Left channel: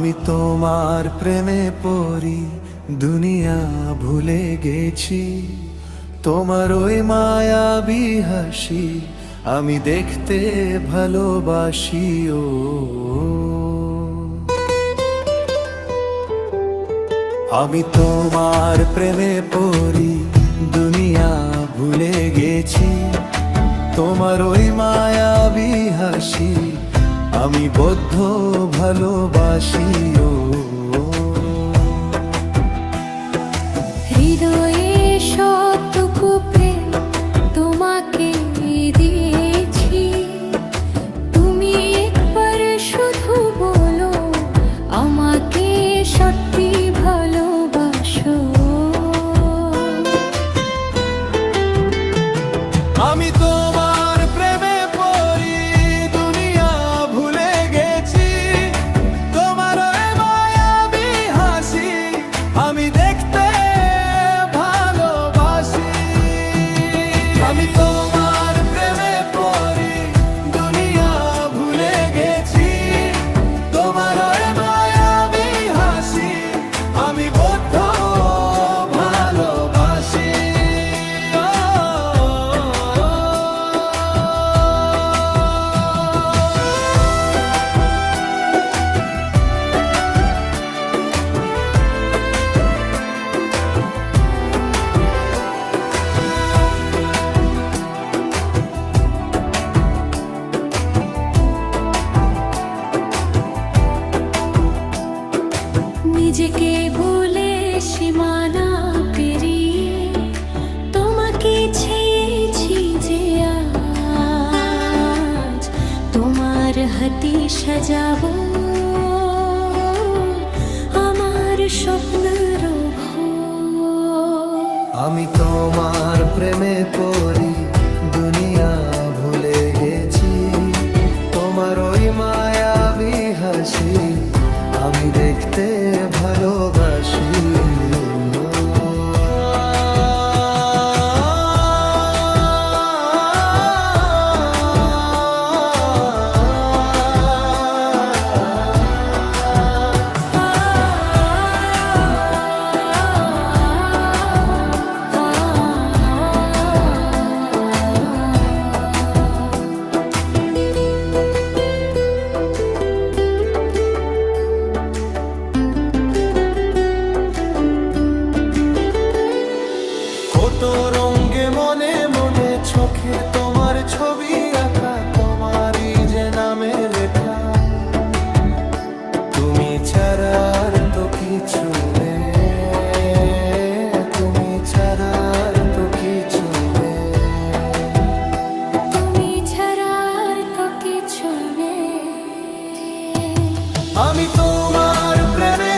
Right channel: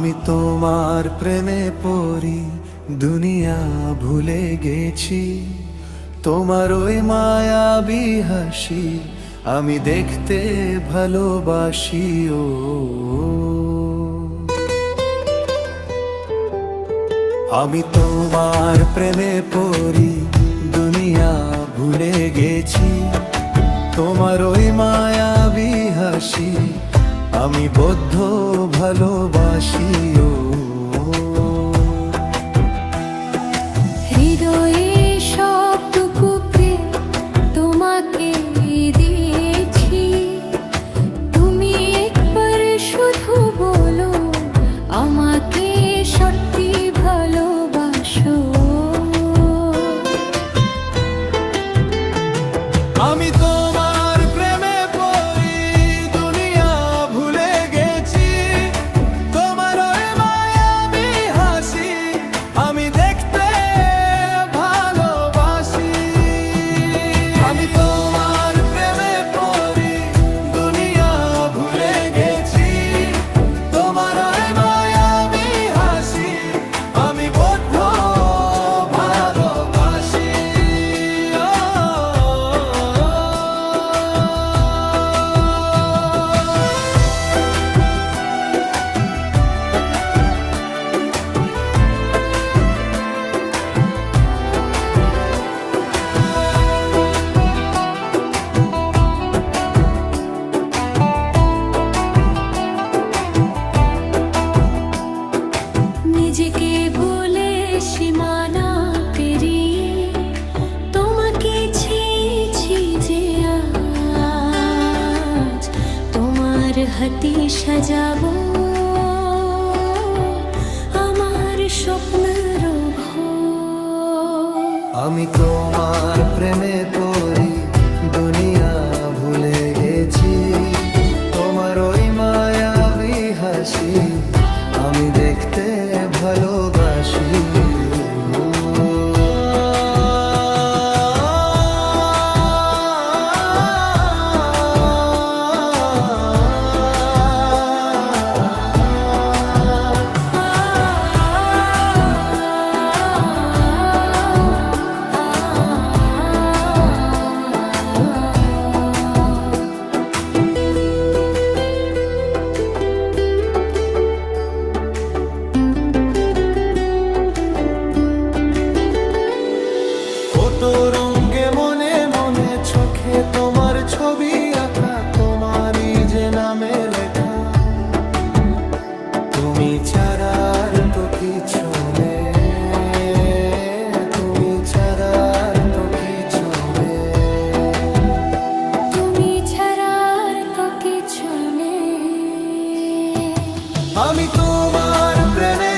আমি তোমার প্রেমে পড়ি, দুনিয়া ভুলে গেছি। তোমার ওই মায়াবী হাসি আমি দেখতে ভালোবাসি। ও আমি তোমার প্রেমে পড়ি, দুনিয়া ভুলে গেছি। তোমার ওই মায়াবী হাসি আমি বদ্ধ ভালোবাসি। ও হৃদয়ে সবটুকু প্রেম তোমাকে দিয়েছি। তুমি একবার শুধু বলো আমাকে সত্যি ভালোবাসো। আমি তোমার প্রেমে পড়ি, দুনিয়া ভুলে গেছি। তোমার ওই মায়াবী হাসি আমি দেখতে ভালোবাসি। আমি তোমার প্রেমে পড়ি, দুনিয়া ভুলে গেছি। তোমার ওই মায়াবী হাসি আমি বদ্ধ ভালোবাসি। নিজেকে বলে সীমানা পেরিয়ে তোমাকে ছেয়েছি যে আজ তোমার হাতে সাজাবো আমার স্বপ্নের ঘর। আমি তোমার প্রেমে পড়ি, দুনিয়া ভুলে গেছি। তোমার ওই মায়াবী হাসি আমি দেখতে ভালোবাসি। কত রঙে মনে মনে চোখে তোমার ছবি আঁকা, তোমারই যে নামে লেখা। তুমি ছাড়ার তো কিছু নেই, তুমি ছাড়ার তো কিছু নেই, তুমি ছাড়ার তো কিছু নেই। আমি তোমার প্রেমে